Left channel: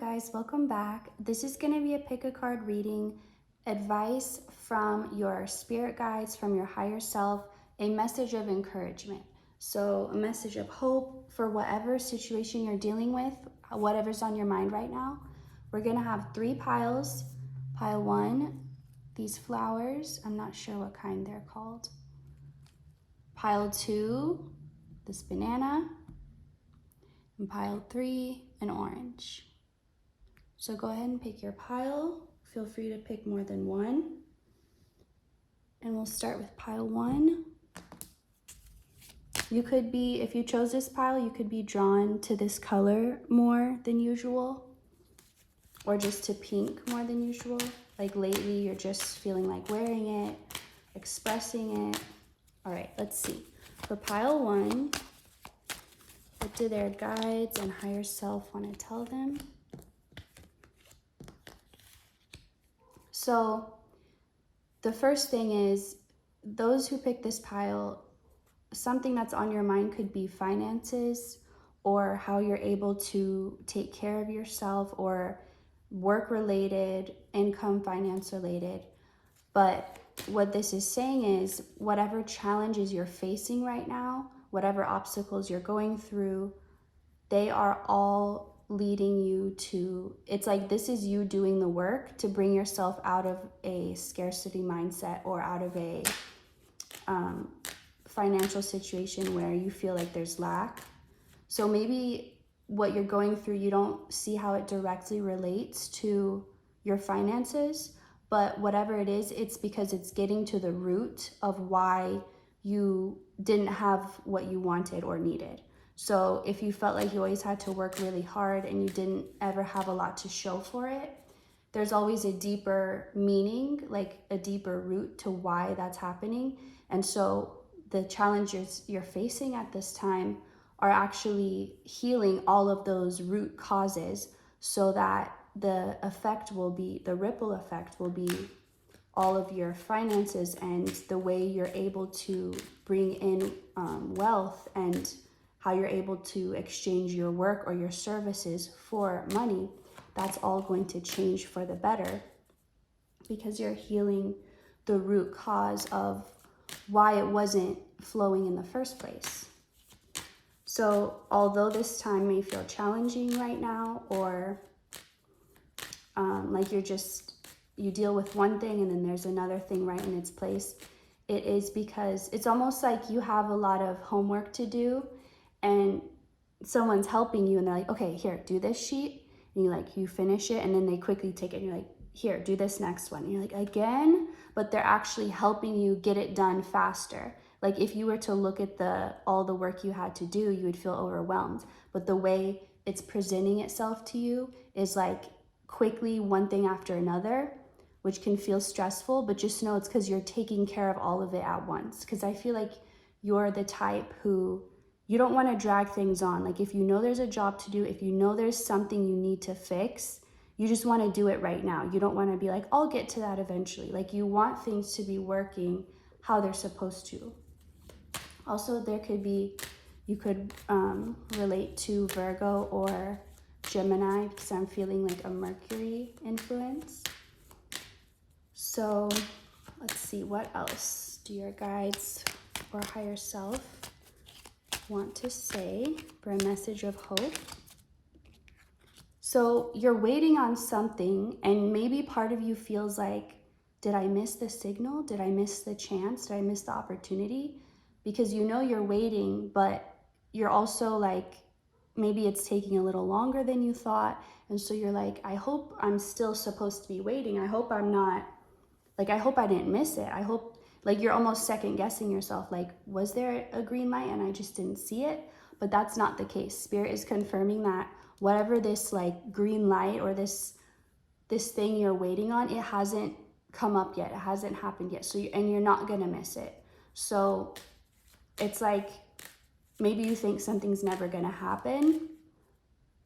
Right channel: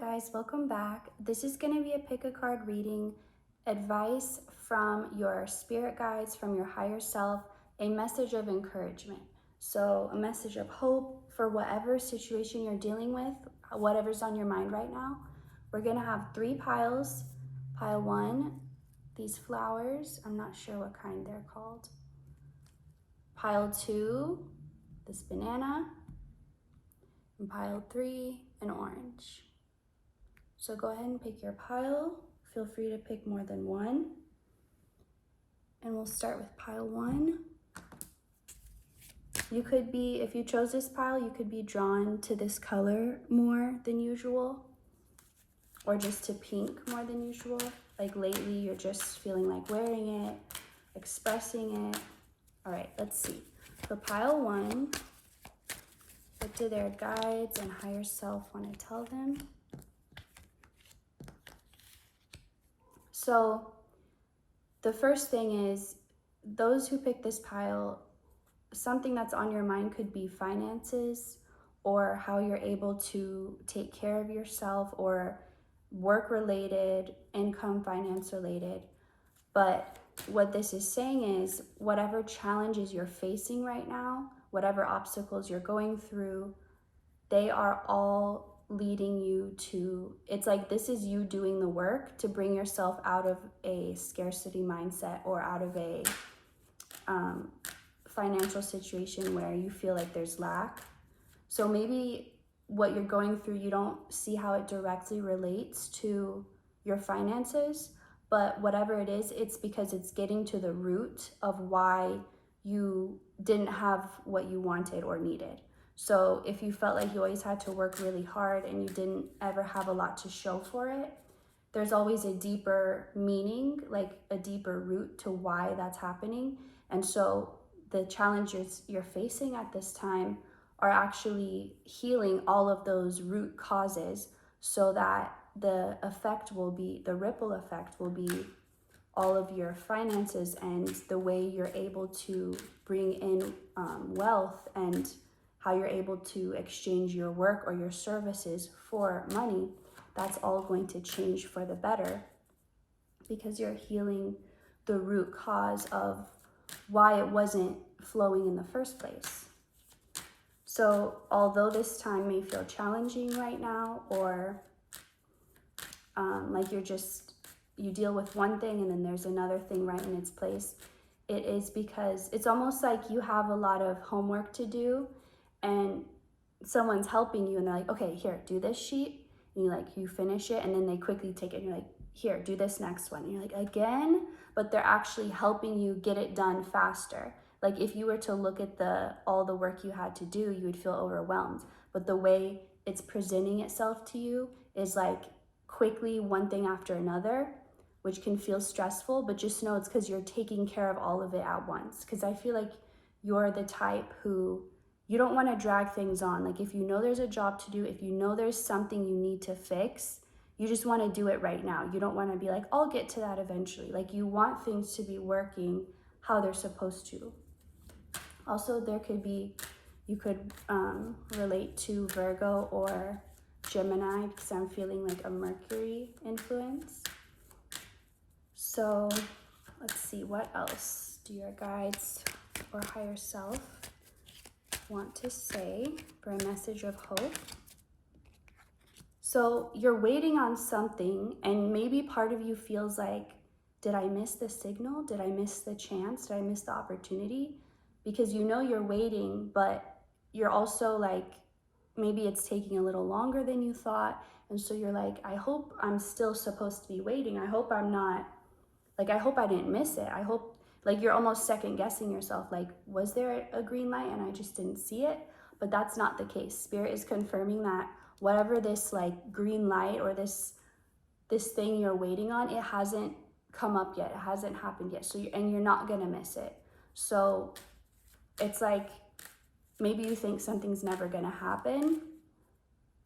guys, welcome back. This is going to be a pick a card reading, advice from your spirit guides, from your higher self, a message of encouragement. So a message of hope for whatever situation you're dealing with, whatever's on your mind right now. We're going to have 3 piles. Pile 1, these flowers, I'm not sure what kind they're called. Pile 2, this banana. And pile 3, an orange. So go ahead and pick your pile. Feel free to pick more than one. And we'll start with pile 1. You could be, if you chose this pile, you could be drawn to this color more than usual, or just to pink more than usual. Like lately, you're just feeling like wearing it, expressing it. All right, let's see. For pile 1, what do their guides and higher self want to tell them? So the first thing is, those who pick this pile, something that's on your mind could be finances, or how you're able to take care of yourself, or work related, income, finance related. But what this is saying is, whatever challenges you're facing right now, whatever obstacles you're going through, they are all leading you to, it's like this is you doing the work to bring yourself out of a scarcity mindset, or out of a financial situation where you feel like there's lack. So maybe what you're going through, you don't see how it directly relates to your finances, but whatever it is, it's because it's getting to the root of why you didn't have what you wanted or needed. So if you felt like you always had to work really hard and you didn't ever have a lot to show for it, there's always a deeper meaning, like a deeper root to why that's happening. And so the challenges you're facing at this time are actually healing all of those root causes, so that the effect will be, the ripple effect will be all of your finances and the way you're able to bring in wealth, and how you're able to exchange your work or your services for money. That's all going to change for the better, because you're healing the root cause of why it wasn't flowing in the first place. So although this time may feel challenging right now, or like you deal with one thing and then there's another thing right in its place, it is because it's almost like you have a lot of homework to do, and someone's helping you and they're like, okay, here, do this sheet. And you finish it, and then they quickly take it and you're like, here, do this next one. And you're like, again? But they're actually helping you get it done faster. Like if you were to look at all the work you had to do, you would feel overwhelmed. But the way it's presenting itself to you is like quickly, one thing after another, which can feel stressful, but just know it's because you're taking care of all of it at once. Because I feel like you're the type who, you don't want to drag things on. Like if you know there's a job to do, if you know there's something you need to fix, you just want to do it right now. You don't want to be like, I'll get to that eventually. Like you want things to be working how they're supposed to. Also, you could relate to Virgo or Gemini, because I'm feeling like a Mercury influence. So let's see, what else do your guides or higher self want to say for a message of hope? So you're waiting on something, and maybe part of you feels like, did I miss the signal? Did I miss the chance? Did I miss the opportunity? Because you know you're waiting, but you're also like, maybe it's taking a little longer than you thought. And so you're like, I hope I'm still supposed to be waiting. I hope I'm not, like, I hope I didn't miss it. I hope, like, you're almost second guessing yourself. Like, was there a green light and I just didn't see it? But that's not the case. Spirit is confirming that whatever this like green light or this thing you're waiting on, it hasn't come up yet. It hasn't happened yet. So and you're not gonna miss it. So it's like, maybe you think something's never gonna happen,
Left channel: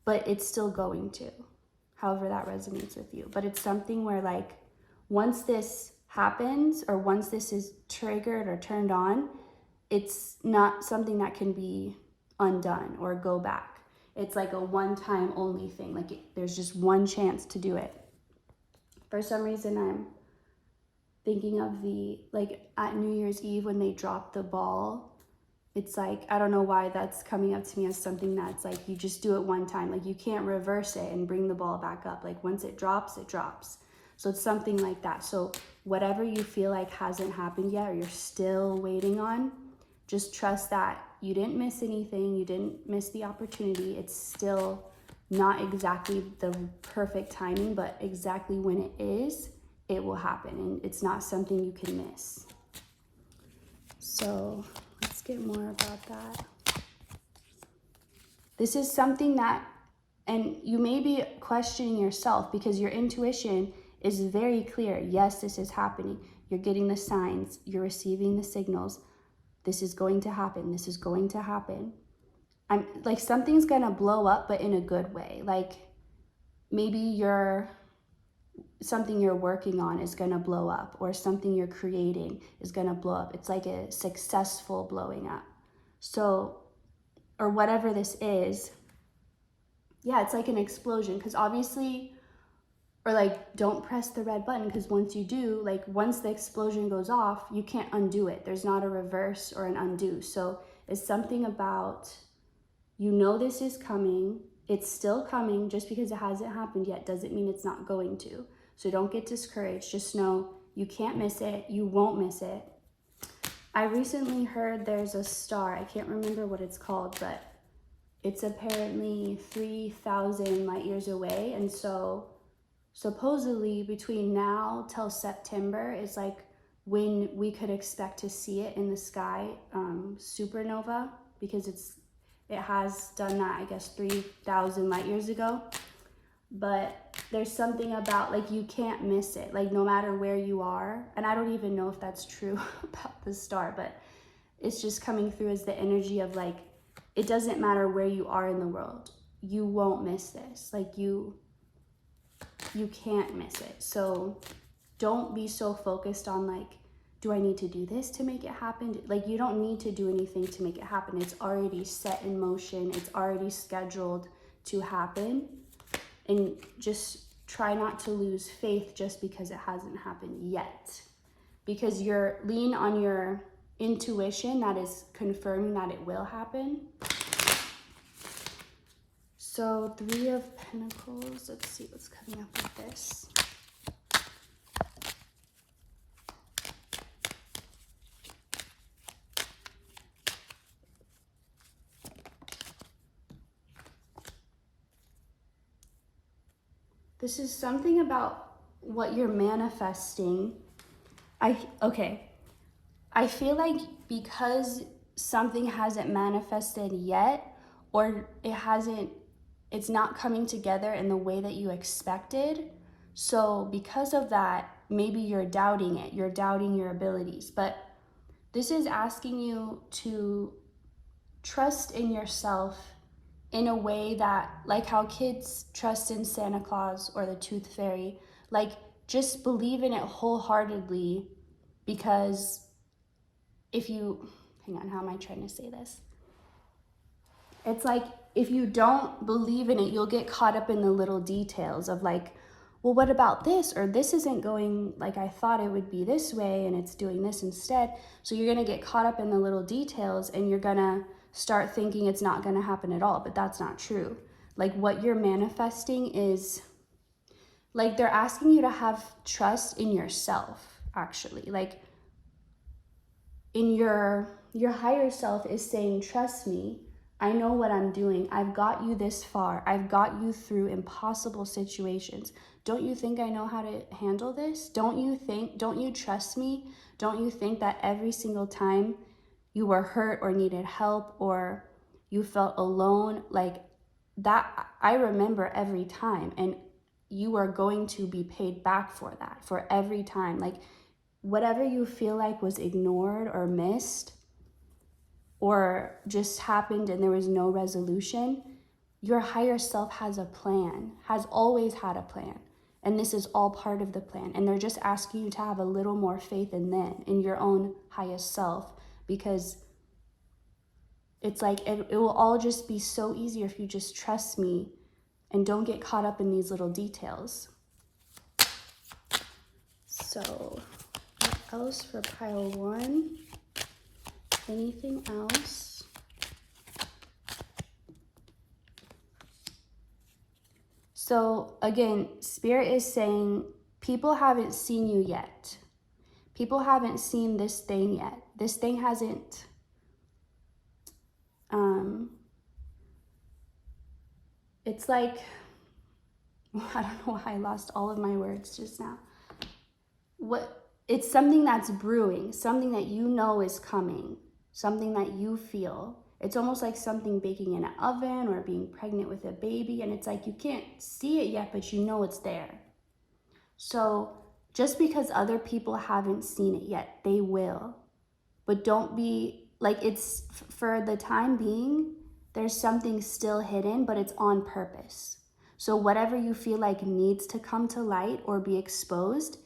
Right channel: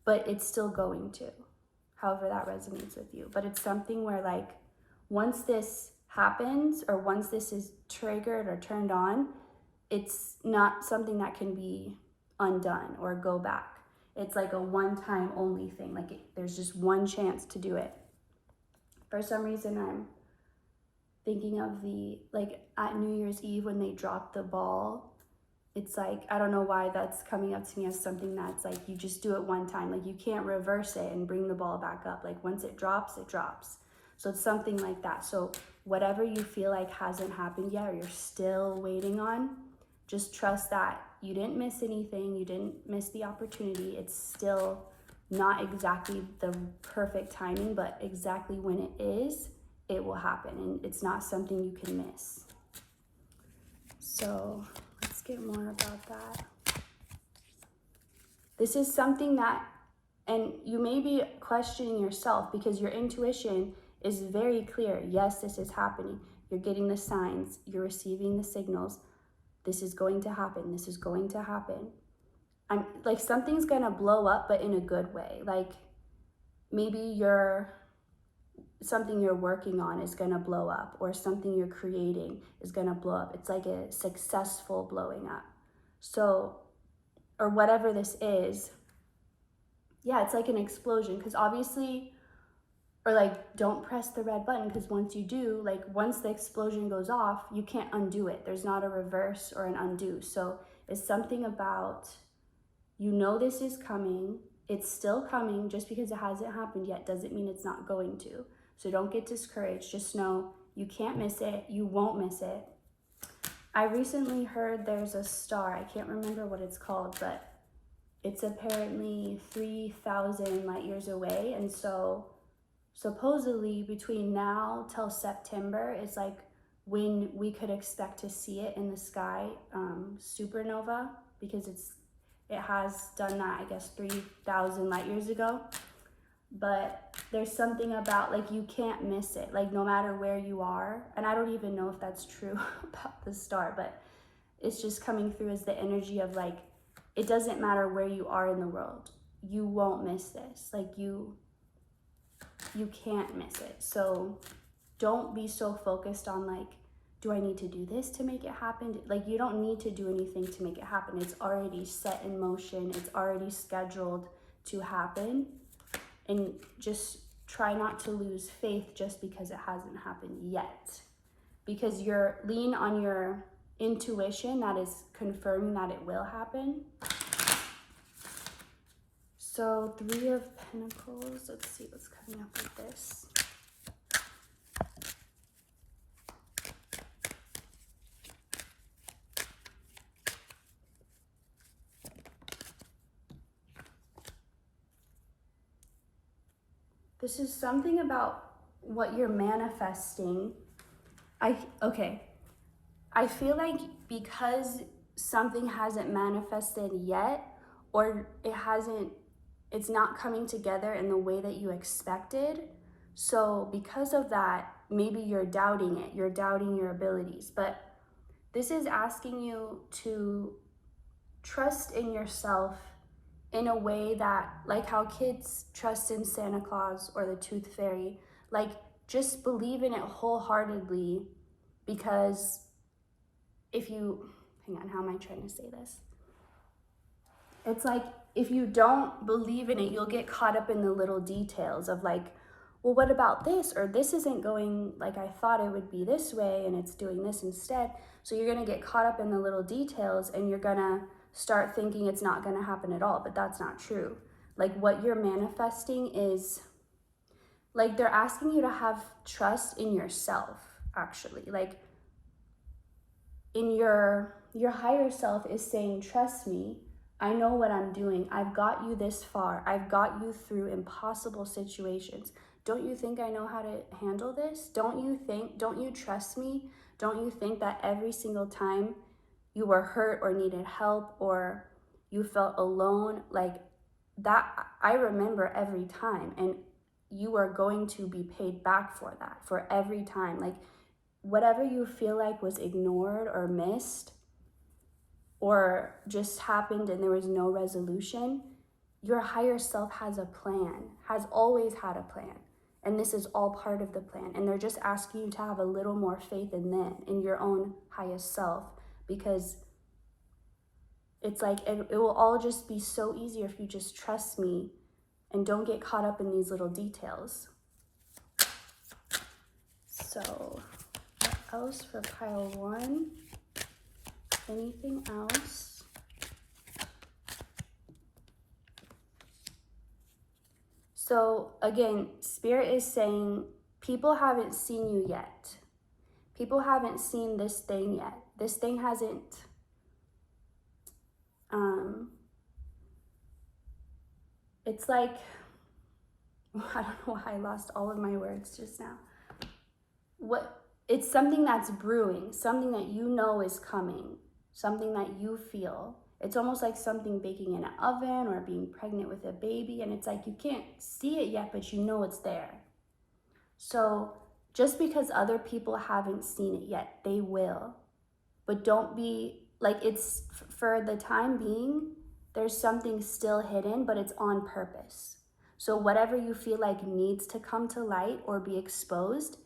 but it's still going to, however that resonates with you. But it's something where like, once this happens, or once this is triggered or turned on, it's not something that can be undone or go back. it's like a one-time only thing. Like there's just one chance to do it. For some reason, I'm thinking of like at New Year's Eve when they dropped the ball. It's like, I don't know why that's coming up to me as something that's like, you just do it one time. Like you can't reverse it and bring the ball back up. Like once it drops, it drops. So it's something like that. So whatever you feel like hasn't happened yet, or you're still waiting on, just trust that you didn't miss anything. You didn't miss the opportunity. It's still not exactly the perfect timing, but exactly when it is, it will happen. And it's not something you can miss. So let's get more about that. This is something that, and you may be questioning yourself because your intuition is very clear. Yes, this is happening. You're getting the signs. You're receiving the signals. This is going to happen. This is going to happen. I'm like, something's going to blow up, but in a good way. Like maybe something you're working on is going to blow up, or something you're creating is going to blow up. It's like a successful blowing up. So, or whatever this is, yeah, it's like an explosion. Because obviously, or like, don't press the red button, because once you do, like once the explosion goes off, you can't undo it. There's not a reverse or an undo. So it's something about, you know, this is coming. It's still coming. Just because it hasn't happened yet doesn't mean it's not going to. So don't get discouraged. Just know you can't miss it. You won't miss it. I recently heard there's a star. I can't remember what it's called, but it's apparently 3,000 light years away. And so supposedly between now till September is like when we could expect to see it in the sky, supernova, because it has done that, I guess, 3,000 light years ago. But there's something about, like, you can't miss it, like no matter where you are. And I don't even know if that's true about the star, but it's just coming through as the energy of like, it doesn't matter where you are in the world, you won't miss this. Like you can't miss it. So don't be so focused on like, do I need to do this to make it happen? Like, you don't need to do anything to make it happen. It's already set in motion. It's already scheduled to happen. And just try not to lose faith just because it hasn't happened yet. Because you're lean on your intuition that is confirming that it will happen. So 3 of Pentacles, let's see what's coming up with this. This is something about what you're manifesting. I feel like because something hasn't manifested yet, or it's not coming together in the way that you expected. So because of that, maybe you're doubting it. You're doubting your abilities. But this is asking you to trust in yourself in a way that, like how kids trust in Santa Claus or the Tooth Fairy, like just believe in it wholeheartedly. Because if you, hang on, how am I trying to say this? It's like, if you don't believe in it, you'll get caught up in the little details of like, well, what about this? Or this isn't going like I thought it would be this way, and it's doing this instead. So you're gonna get caught up in the little details, and you're gonna start thinking it's not gonna happen at all, but that's not true. Like, what you're manifesting is, like, they're asking you to have trust in yourself, actually. Like, in your higher self is saying, trust me, I know what I'm doing. I've got you this far. I've got you through impossible situations. Don't you think I know how to handle this? Don't you trust me? Don't you think that every single time you were hurt or needed help or you felt alone, like that, I remember every time, and you are going to be paid back for that, for every time. Like, whatever you feel like was ignored or missed or just happened and there was no resolution, your higher self has a plan, has always had a plan. And this is all part of the plan. And they're just asking you to have a little more faith in them, in your own highest self, because It's like it will all just be so easier if you just trust me and don't get caught up in these little details. So what else for pile 1? Anything else? So again, Spirit is saying people haven't seen you yet. People haven't seen this thing yet. This thing hasn't, it's like, I don't know why I lost all of my words just now. It's something that's brewing, something that you know is coming, something that you feel. It's almost like something baking in an oven or being pregnant with a baby, and it's like you can't see it yet, but you know it's there. So just because other people haven't seen it yet, they will. But don't be, like, it's, for the time being, there's something still hidden, but it's on purpose. So whatever you feel like needs to come to light or be exposed,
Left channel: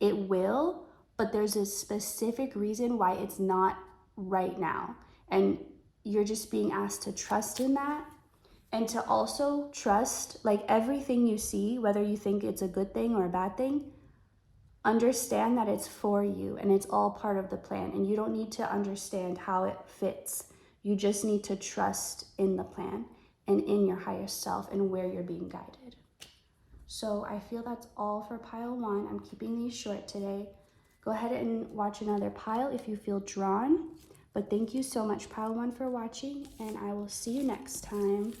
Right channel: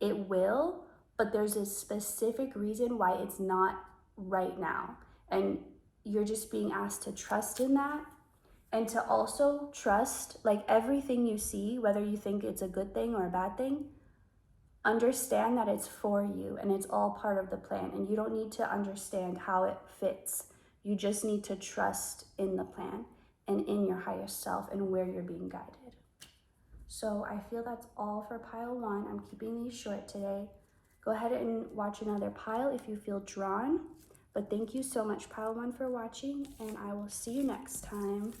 it will, but there's a specific reason why it's not right now. And you're just being asked to trust in that, and to also trust, like, everything you see, whether you think it's a good thing or a bad thing, understand that it's for you and it's all part of the plan, and you don't need to understand how it fits. You just need to trust in the plan and in your higher self and where you're being guided. So I feel that's all for pile 1. I'm keeping these short today. Go ahead and watch another pile if you feel drawn. But thank you so much, pile 1, for watching, and I will see you next time.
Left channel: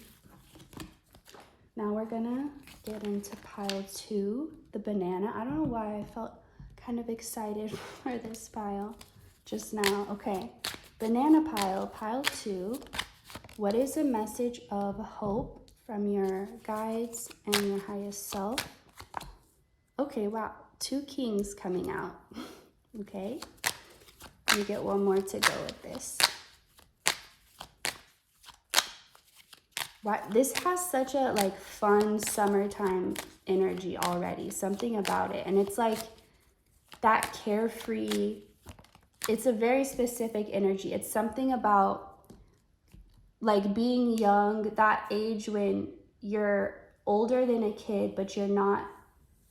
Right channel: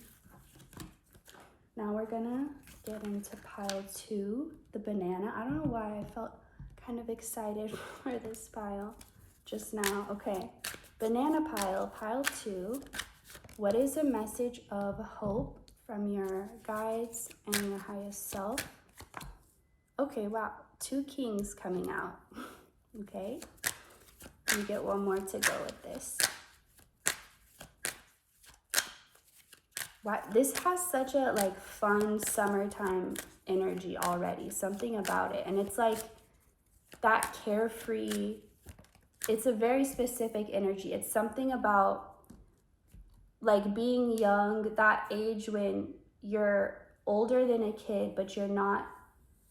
Now we're gonna get into pile 2, the banana. I don't know why I felt kind of excited for this pile just now. Okay, banana pile, pile 2. What is a message of hope from your guides and your highest self? Okay, wow, 2 kings coming out. Okay, let me get one more to go with this. Wow, this has such a like fun summertime energy already, something about it. And it's like that carefree, it's a very specific energy. It's something about like being young, that age when you're older than a kid, but you're not,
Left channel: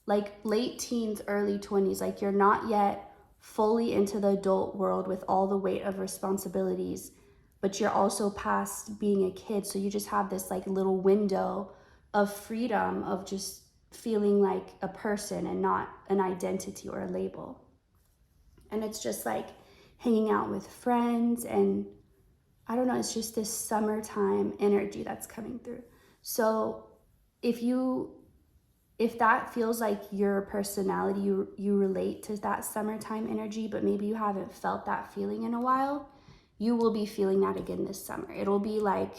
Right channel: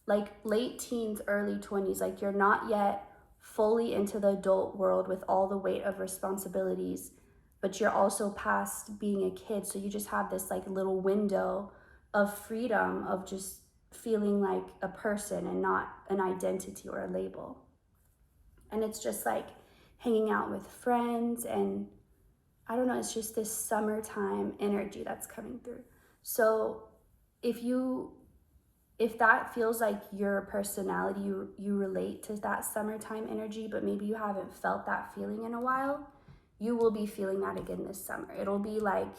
like late teens, early 20s, like you're not yet fully into the adult world with all the weight of responsibilities, but you're also past being a kid. So you just have this like little window of freedom of just feeling like a person and not an identity or a label. And it's just like hanging out with friends, and I don't know, it's just this summertime energy that's coming through. So if that feels like your personality, you relate to that summertime energy, but maybe you haven't felt that feeling in a while, you will be feeling that again this summer. It'll be like,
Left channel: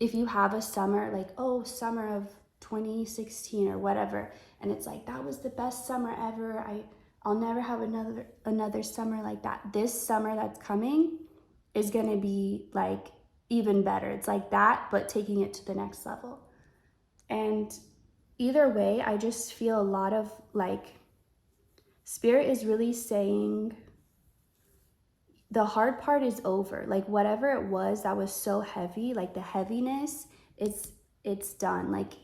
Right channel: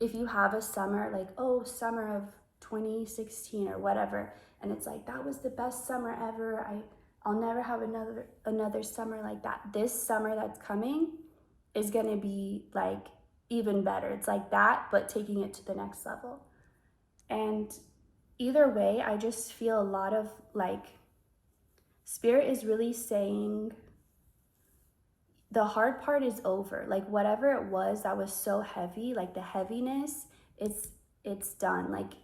if you have a summer, like, oh, summer of 2016 or whatever, and it's like, that was the best summer ever. I'll never have another summer like that. This summer that's coming is gonna be like even better. It's like that, but taking it to the next level. And either way, I just feel a lot of like, Spirit is really saying the hard part is over. Like whatever it was that was so heavy, like the heaviness, it's done. Like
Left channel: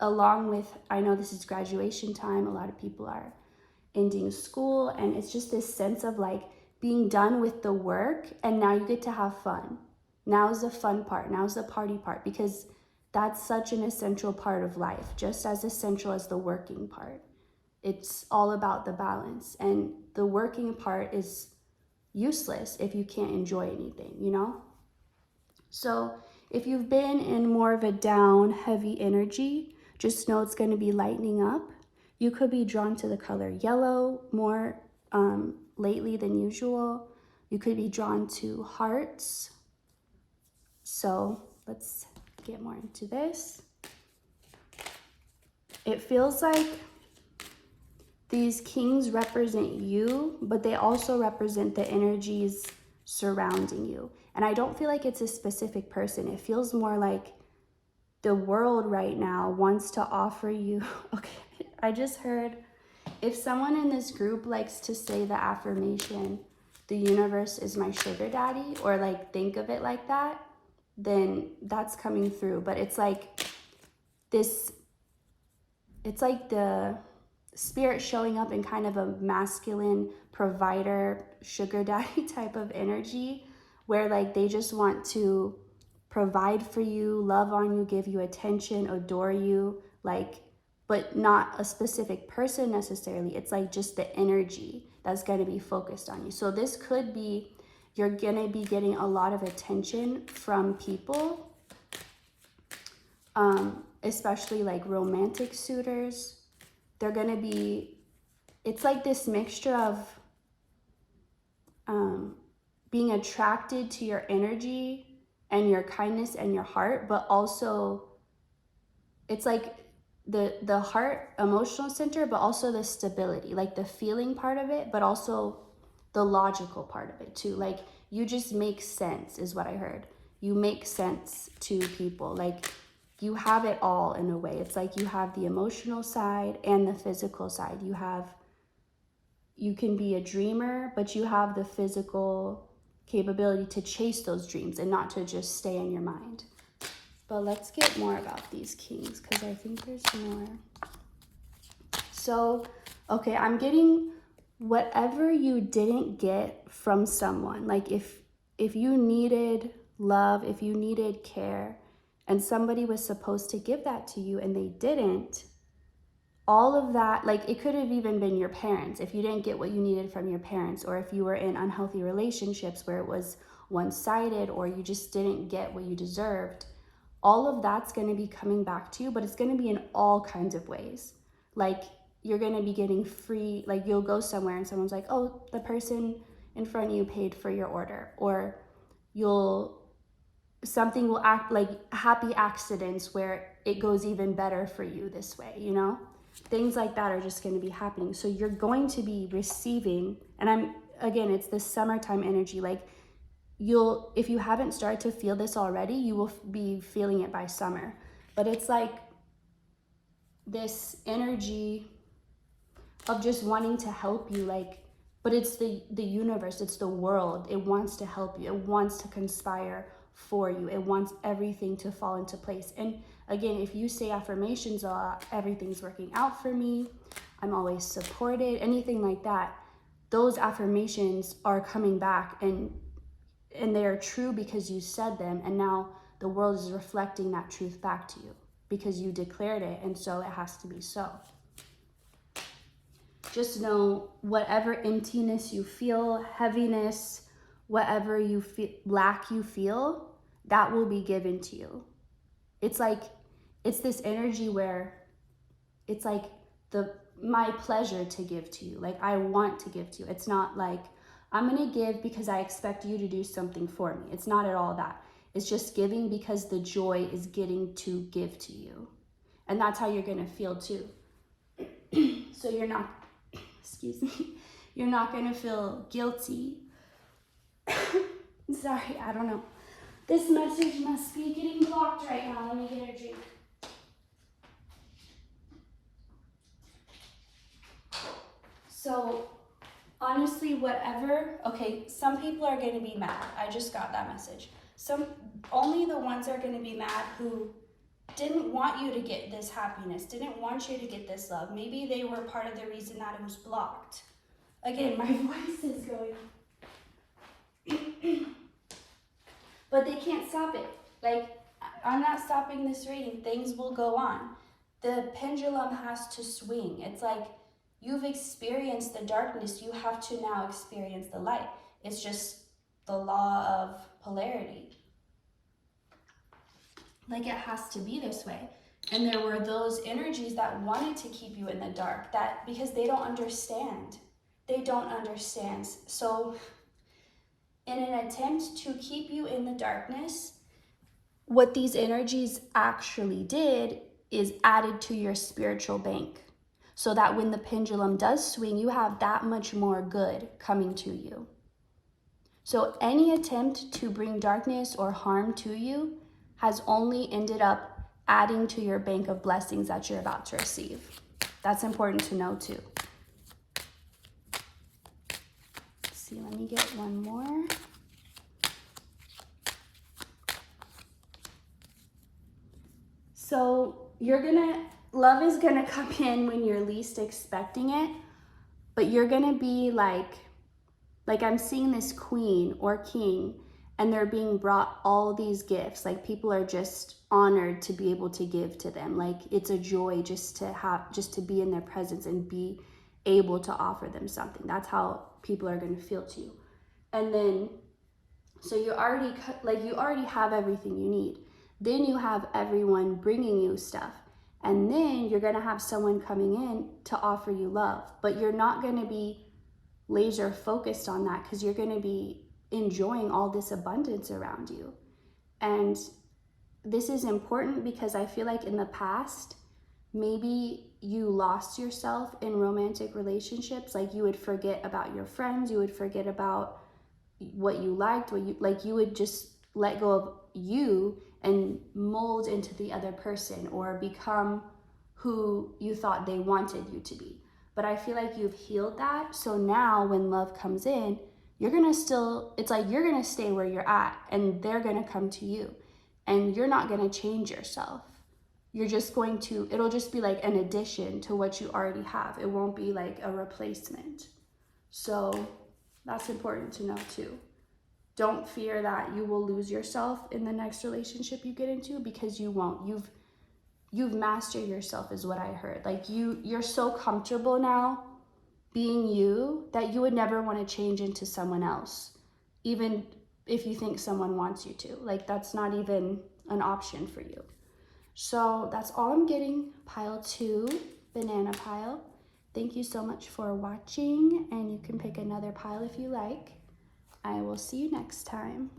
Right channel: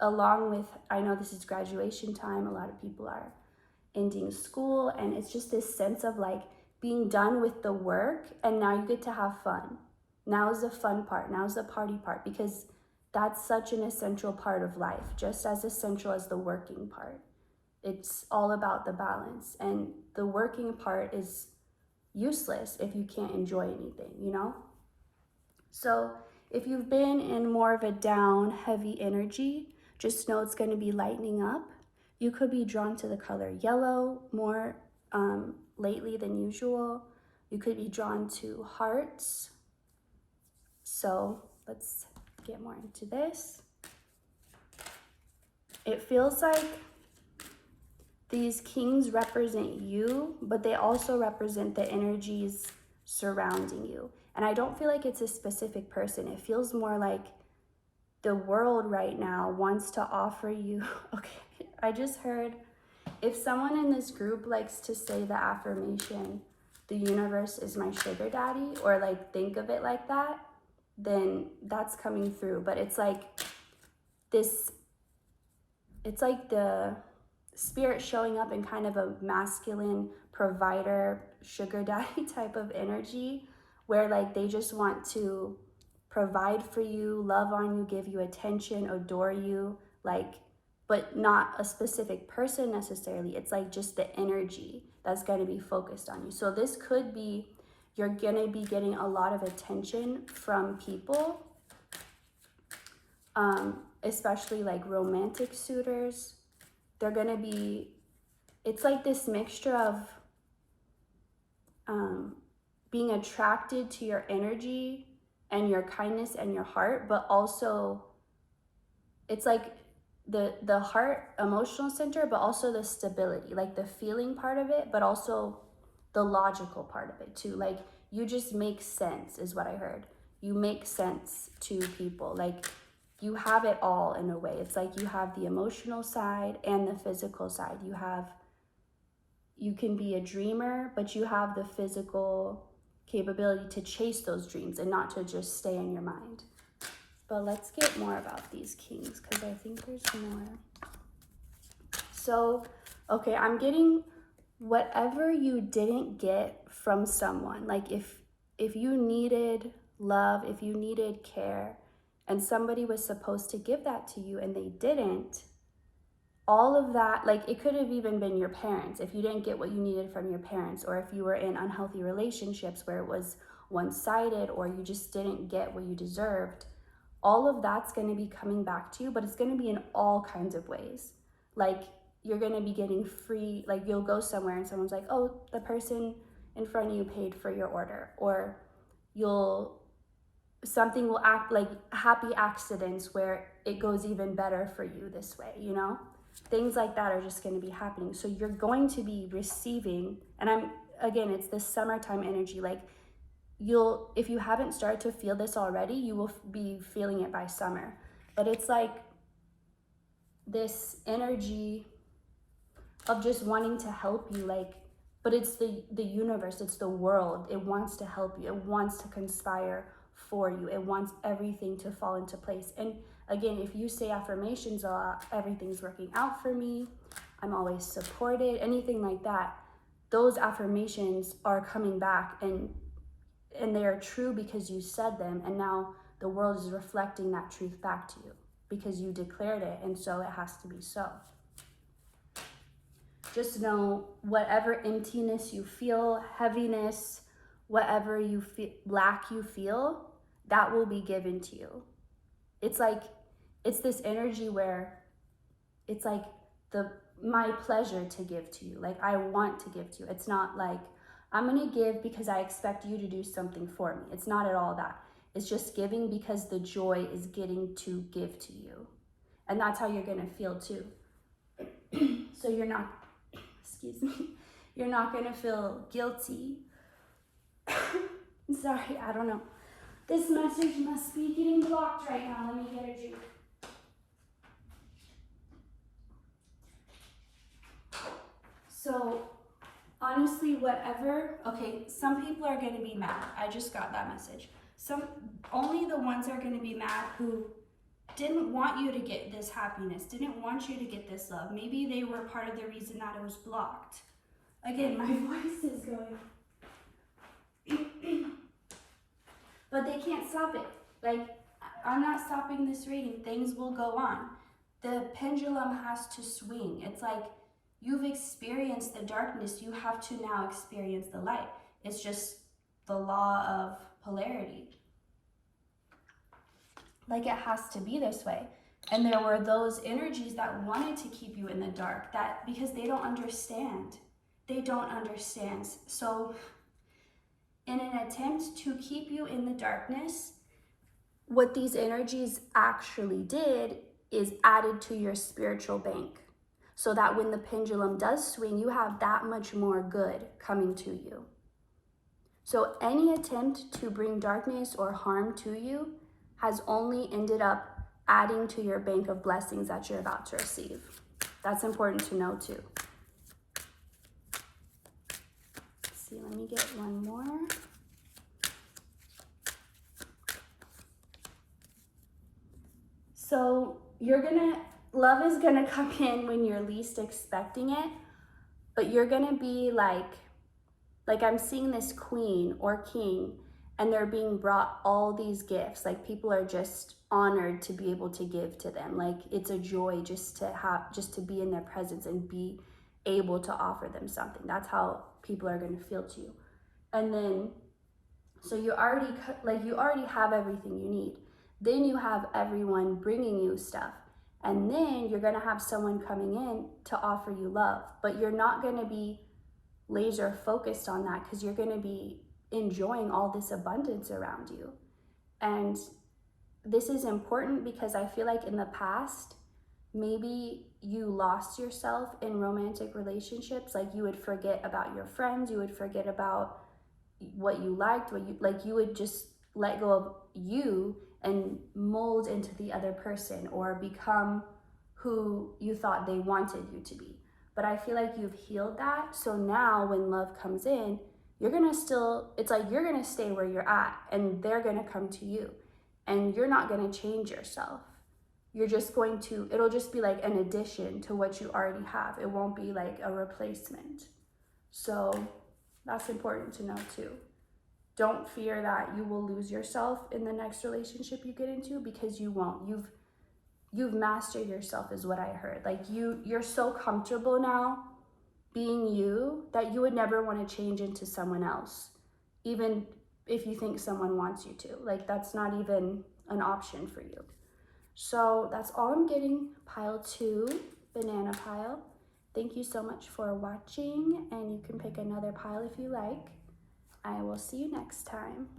along with, I know this is graduation time, a lot of people are ending school, and it's just this sense of like being done with the work, and now you get to have fun. Now's the fun part, now's the party part, because that's such an essential part of life, just as essential as the working part. It's all about the balance, and the working part is useless if you can't enjoy anything, you know? So if you've been in more of a down, heavy energy, just know it's going to be lightening up. You could be drawn to the color yellow more lately than usual. You could be drawn to hearts. So let's get more into this. It feels like these kings represent you, but they also represent the energies surrounding you. And I don't feel like it's a specific person. It feels more like the world right now wants to offer you, okay, I just heard, if someone in this group likes to say the affirmation, the universe is my sugar daddy, or like think of it like that, then that's coming through. But it's like this, it's like the spirit showing up in kind of a masculine provider, sugar daddy type of energy, where like they just want to provide for you, love on you, give you attention, adore you, like, but not a specific person necessarily. It's like just the energy that's going to be focused on you. So this could be, you're going to be getting a lot of attention from people, especially like romantic suitors. They're going to be, it's like this mixture of being attracted to your energy and your kindness and your heart, but also it's like the heart emotional center, but also the stability, like the feeling part of it, but also the logical part of it too. Like you just make sense is what I heard. You make sense to people. Like you have it all in a way. It's like you have the emotional side and the physical side. You can be a dreamer, but you have the physical capability to chase those dreams and not to just stay in your mind. But let's get more about these kings, because I think there's more. So, okay, I'm getting whatever you didn't get from someone. Like if you needed love, if you needed care, and somebody was supposed to give that to you and they didn't, all of that, like it could have even been your parents. If you didn't get what you needed from your parents, or if you were in unhealthy relationships where it was one-sided, or you just didn't get what you deserved, all of that's going to be coming back to you, but it's going to be in all kinds of ways. Like you're going to be getting free, like you'll go somewhere and someone's like, oh, the person in front of you paid for your order, or something will act like happy accidents where it goes even better for you this way, you know? Things like that are just going to be happening. So you're going to be receiving, and again, it's this summertime energy. Like if you haven't started to feel this already, you will be feeling it by summer. But it's like this energy of just wanting to help you, like, but it's the universe, it's the world. It wants to help you. It wants to conspire for you. It wants everything to fall into place. And again, if you say affirmations a lot, everything's working out for me, I'm always supported, anything like that, those affirmations are coming back and they are true because you said them, and now the world is reflecting that truth back to you because you declared it, and so it has to be so. Just know whatever emptiness you feel, heaviness, whatever you feel, lack you feel, that will be given to you. It's like, it's this energy where it's like my pleasure to give to you. Like I want to give to you. It's not like I'm gonna give because I expect you to do something for me. It's not at all that. It's just giving because the joy is getting to give to you. And that's how you're gonna feel too. So you're not, excuse me, you're not gonna feel guilty. Sorry, I don't know. This message must be getting blocked right now. Let me get a drink. So honestly, whatever, okay, some people are going to be mad. I just got that message. Only the ones are going to be mad who didn't want you to get this happiness, didn't want you to get this love. Maybe they were part of the reason that it was blocked. Again, my voice is going. But they can't stop it. Like, I'm not stopping this reading. Things will go on. The pendulum has to swing. It's like, you've experienced the darkness, you have to now experience the light. It's just the law of polarity. Like it has to be this way. And there were those energies that wanted to keep you in the dark, that because they don't understand. They don't understand. So in an attempt to keep you in the darkness, what these energies actually did is added to your spiritual bank. So that when the pendulum does swing, you have that much more good coming to you. So any attempt to bring darkness or harm to you has only ended up adding to your bank of blessings that you're about to receive. That's important to know too. Let's see, let me get one more. So love is gonna come in when you're least expecting it, but you're gonna be like I'm seeing this queen or king, and they're being brought all these gifts. Like people are just honored to be able to give to them. Like it's a joy just to be in their presence and be able to offer them something. That's how people are gonna feel to you. And then, so you already have everything you need. Then you have everyone bringing you stuff. And then you're gonna have someone coming in to offer you love, but you're not gonna be laser focused on that because you're gonna be enjoying all this abundance around you. And this is important because I feel like in the past, maybe you lost yourself in romantic relationships. Like you would forget about your friends, you would forget about what you liked, you would just let go of you and mold into the other person or become who you thought they wanted you to be. But I feel like you've healed that. So now when love comes in, you're gonna stay where you're at and they're gonna come to you. And you're not gonna change yourself. It'll just be like an addition to what you already have. It won't be like a replacement. So that's important to know too. Don't fear that you will lose yourself in the next relationship you get into, because you won't. You've mastered yourself is what I heard. Like you're so comfortable now being you that you would never want to change into someone else, even if you think someone wants you to. Like that's not even an option for you. So that's all I'm getting. Pile 2, banana pile. Thank you so much for watching, and you can pick another pile if you like. I will see you next time.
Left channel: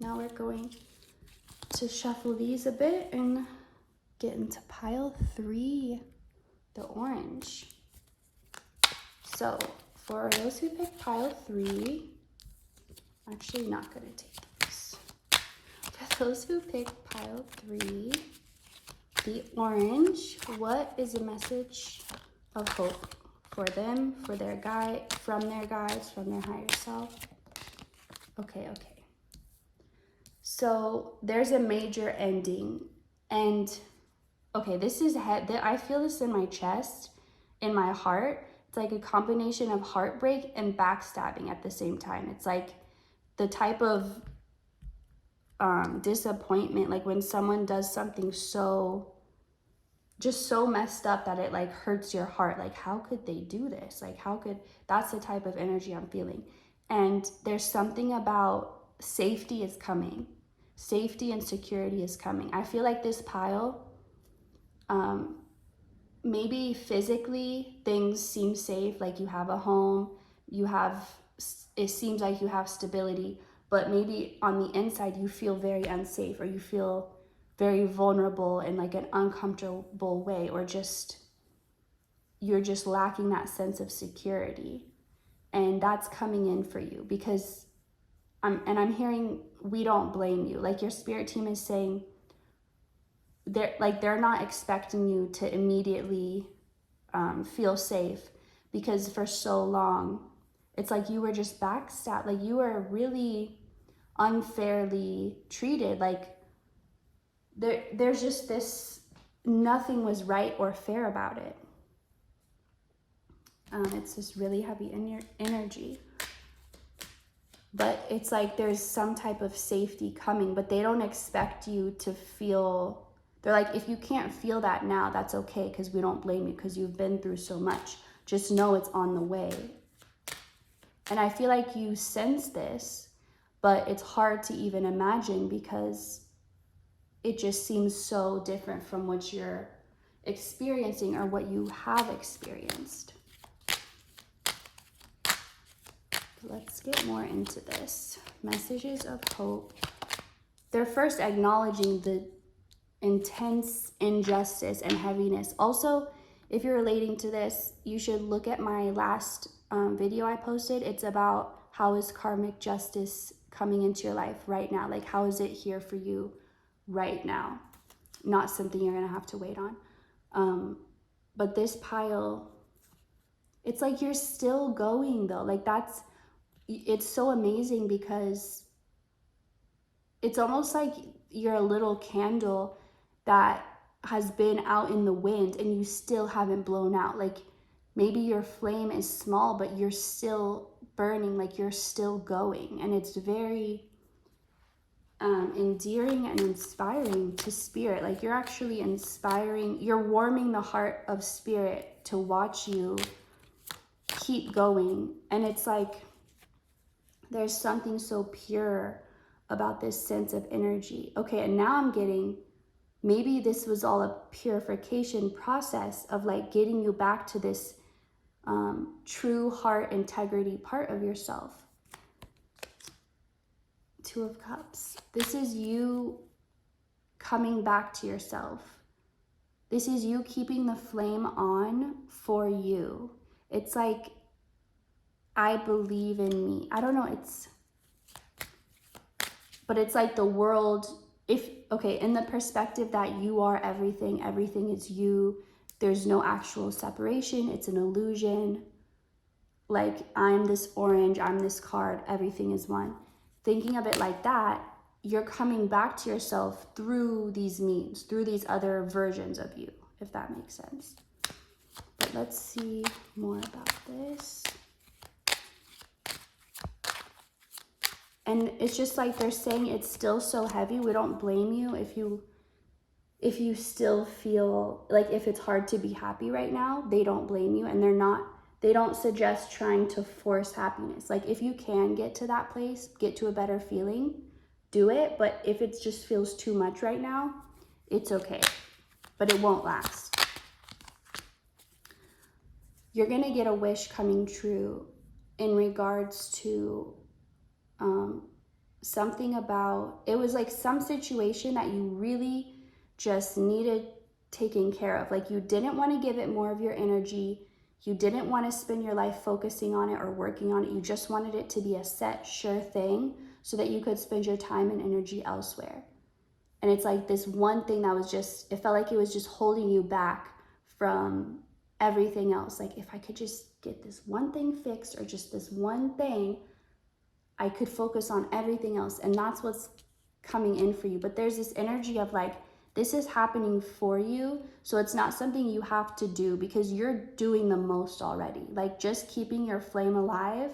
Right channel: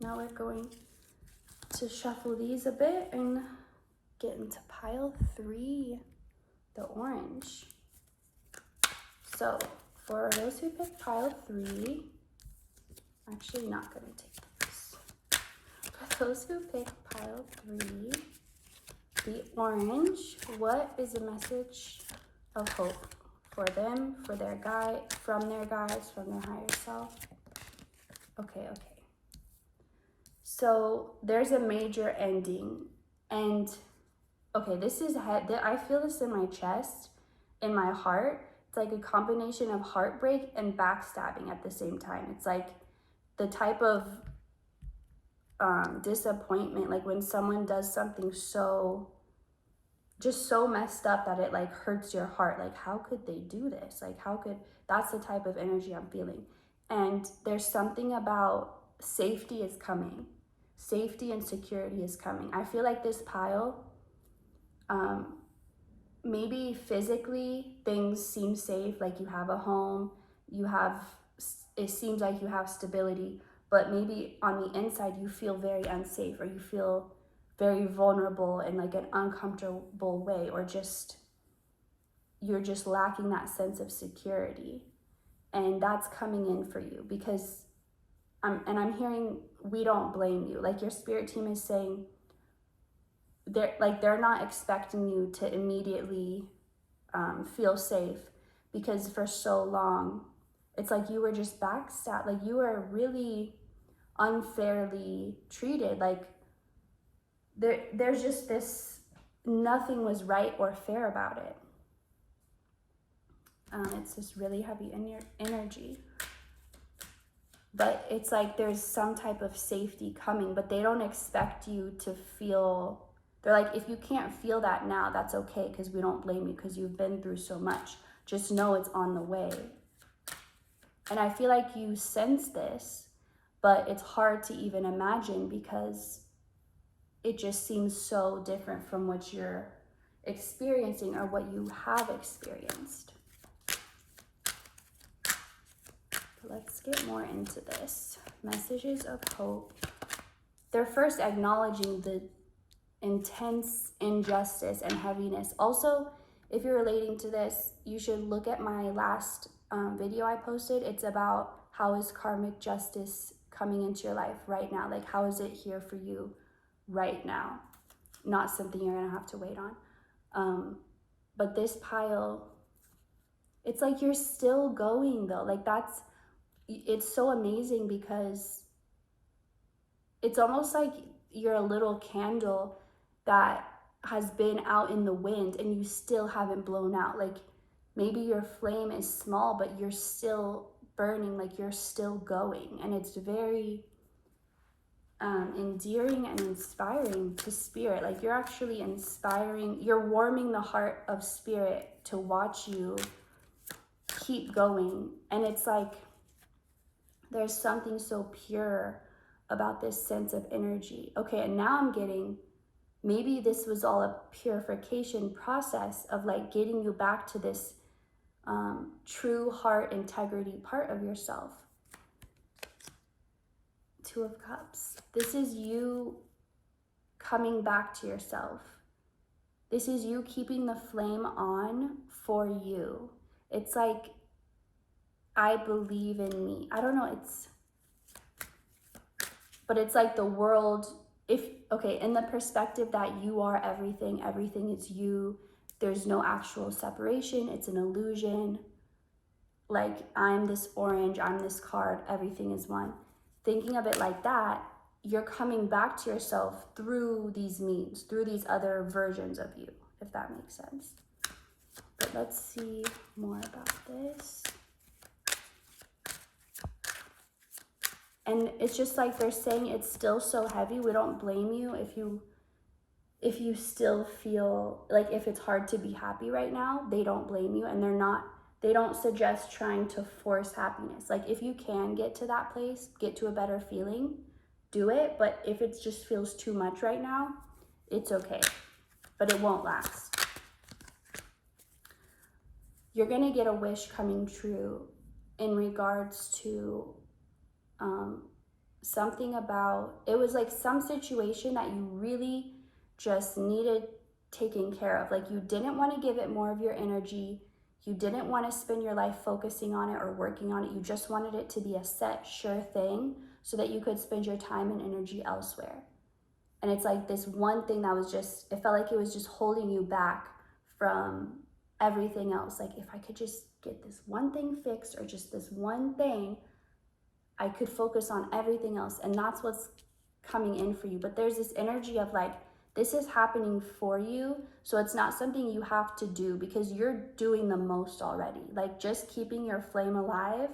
Now we're going to shuffle these a bit and get into pile 3, the orange. So for those who pick pile 3, I'm actually not going to take these. For those who pick pile 3, the orange, what is a message of hope for them, for their guide, from their guides, from their higher self? Okay. So there's a major ending, and okay, this is I feel this in my chest, in my heart. It's like a combination of heartbreak and backstabbing at the same time. It's like the type of disappointment, like when someone does something so messed up that it like hurts your heart. Like, how could they do this? Like, that's the type of energy I'm feeling. And there's something about safety is coming. Safety and security is coming. I feel like this pile, maybe physically things seem safe, like you have a home, it seems like you have stability, but maybe on the inside you feel very unsafe, or you feel very vulnerable in like an uncomfortable way, or you're just lacking that sense of security. And that's coming in for you because I'm hearing, we don't blame you. Like your spirit team is saying they're not expecting you to immediately feel safe, because for so long it's like you were just backstabbed, like you were really unfairly treated. Like there's just this, nothing was right or fair about it. It's just really heavy in your energy. But it's like there's some type of safety coming, but they don't expect you to feel, they're like, if you can't feel that now, that's okay, because we don't blame you, because you've been through so much. Just know it's on the way. And I feel like you sense this, but it's hard to even imagine because it just seems so different from what you're experiencing or what you have experienced. Let's get more into this. Messages of hope. They're first acknowledging the intense injustice and heaviness. Also, if you're relating to this, you should look at my last video I posted. It's about how is karmic justice coming into your life right now? Like, how is it here for you right now? Not something you're gonna have to wait on. But this pile, it's like you're still going though. Like it's so amazing because it's almost like you're a little candle that has been out in the wind and you still haven't blown out. Like maybe your flame is small, but you're still burning, like you're still going. And it's very endearing and inspiring to spirit. Like you're actually inspiring, you're warming the heart of spirit to watch you keep going. And it's like there's something so pure about this sense of energy. Okay, and now I'm getting, maybe this was all a purification process of like getting you back to this true heart integrity part of yourself. Two of Cups. This is you coming back to yourself. This is you keeping the flame on for you. It's like, I believe in me. I don't know, but it's like the world, okay, in the perspective that you are everything, everything is you, there's no actual separation, it's an illusion. Like, I'm this orange, I'm this card, everything is one. Thinking of it like that, you're coming back to yourself through these memes, through these other versions of you, if that makes sense. But let's see more about this. And it's just like they're saying it's still so heavy. We don't blame you if you still feel like, if it's hard to be happy right now, they don't blame you. And they don't suggest trying to force happiness. Like if you can get to that place, get to a better feeling, do it. But if it just feels too much right now, it's okay, but it won't last. You're gonna get a wish coming true in regards to something about, it was like some situation that you really just needed taken care of. Like you didn't want to give it more of your energy. You didn't want to spend your life focusing on it or working on it. You just wanted it to be a set, sure thing so that you could spend your time and energy elsewhere. And it's like this one thing that was just, it felt like it was just holding you back from everything else. Like if I could just get this one thing fixed, or just this one thing, I could focus on everything else. And that's what's coming in for you. But there's this energy of like, this is happening for you. So it's not something you have to do, because you're doing the most already. Like just keeping your flame alive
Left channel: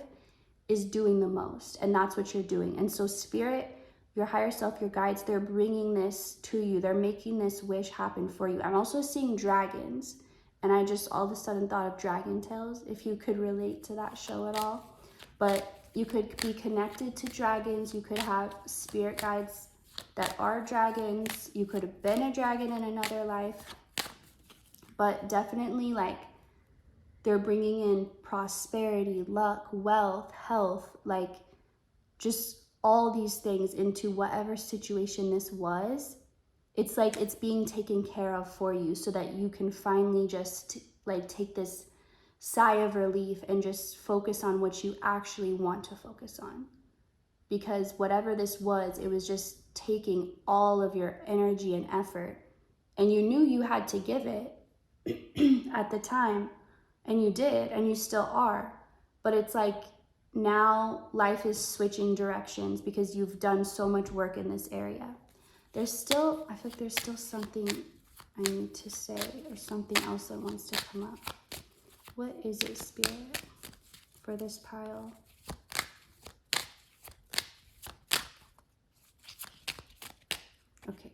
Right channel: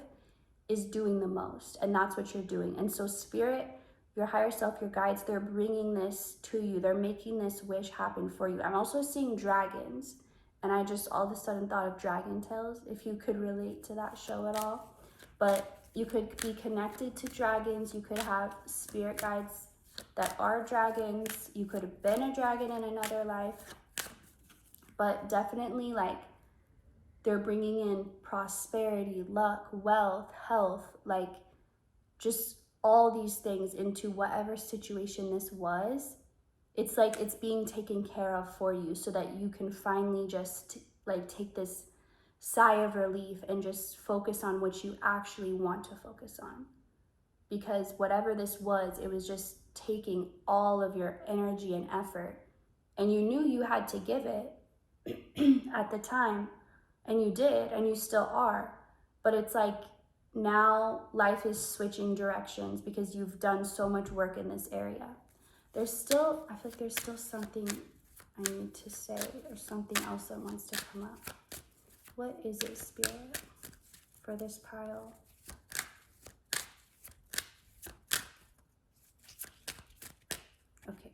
is doing the most. And that's what you're doing. And so spirit, your higher self, your guides, they're bringing this to you. They're making this wish happen for you. I'm also seeing dragons. And I just all of a sudden thought of Dragon Tales, if you could relate to that show at all. But you could be connected to dragons. You could have spirit guides that are dragons. You could have been a dragon in another life. But definitely like they're bringing in prosperity, luck, wealth, health, like just all these things into whatever situation this was. It's like it's being taken care of for you so that you can finally just like take this sigh of relief and just focus on what you actually want to focus on. Because whatever this was, it was just taking all of your energy and effort, and you knew you had to give it at the time, and you did, and you still are. But it's like now life is switching directions because you've done so much work in this area. I feel like there's still something I need to say, or something else that wants to come up. What is it, Spirit, for this pile? Okay.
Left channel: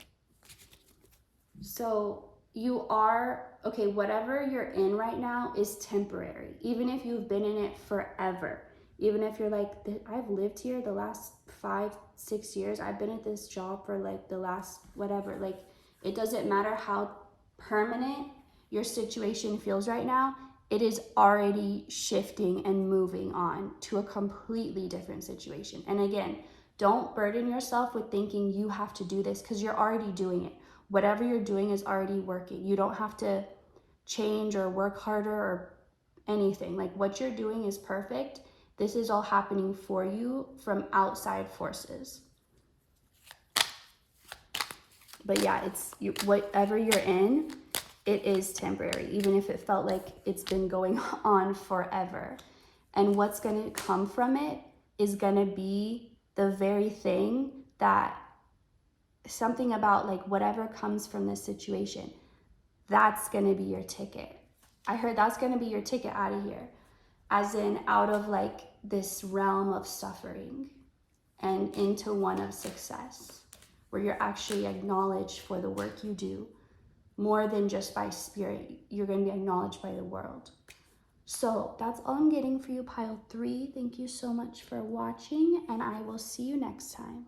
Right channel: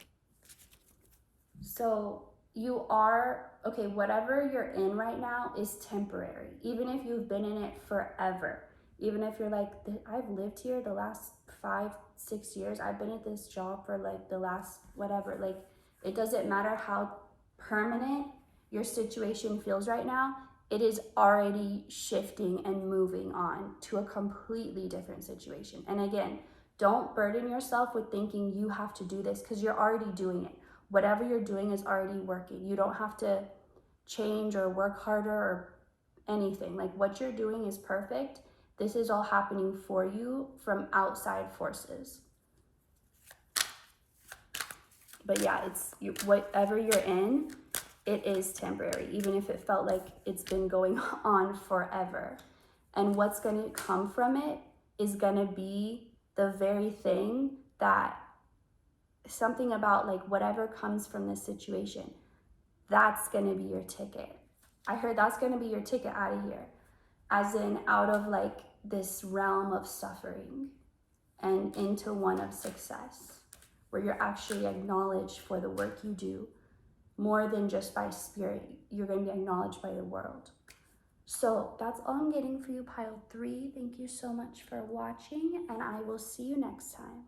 So you are, okay, whatever you're in right now is temporary. Even if you've been in it forever. Even if you're like, I've lived here the last 5-6 years. I've been at this job for like the last whatever. Like, it doesn't matter how permanent your situation feels right now. It is already shifting and moving on to a completely different situation. And again, don't burden yourself with thinking you have to do this, because you're already doing it. Whatever you're doing is already working. You don't have to change or work harder or anything. Like what you're doing is perfect. This is all happening for you from outside forces. But yeah, whatever you're in, it is temporary, even if it felt like it's been going on forever. And what's going to come from it is going to be the very thing that something about like whatever comes from this situation, that's going to be your ticket. I heard that's going to be your ticket out of here, as in out of like this realm of suffering and into one of success, where you're actually acknowledged for the work you do more than just by spirit. You're going to be acknowledged by the world. So that's all I'm getting for you, pile 3. Thank you so much for watching, and I will see you next time.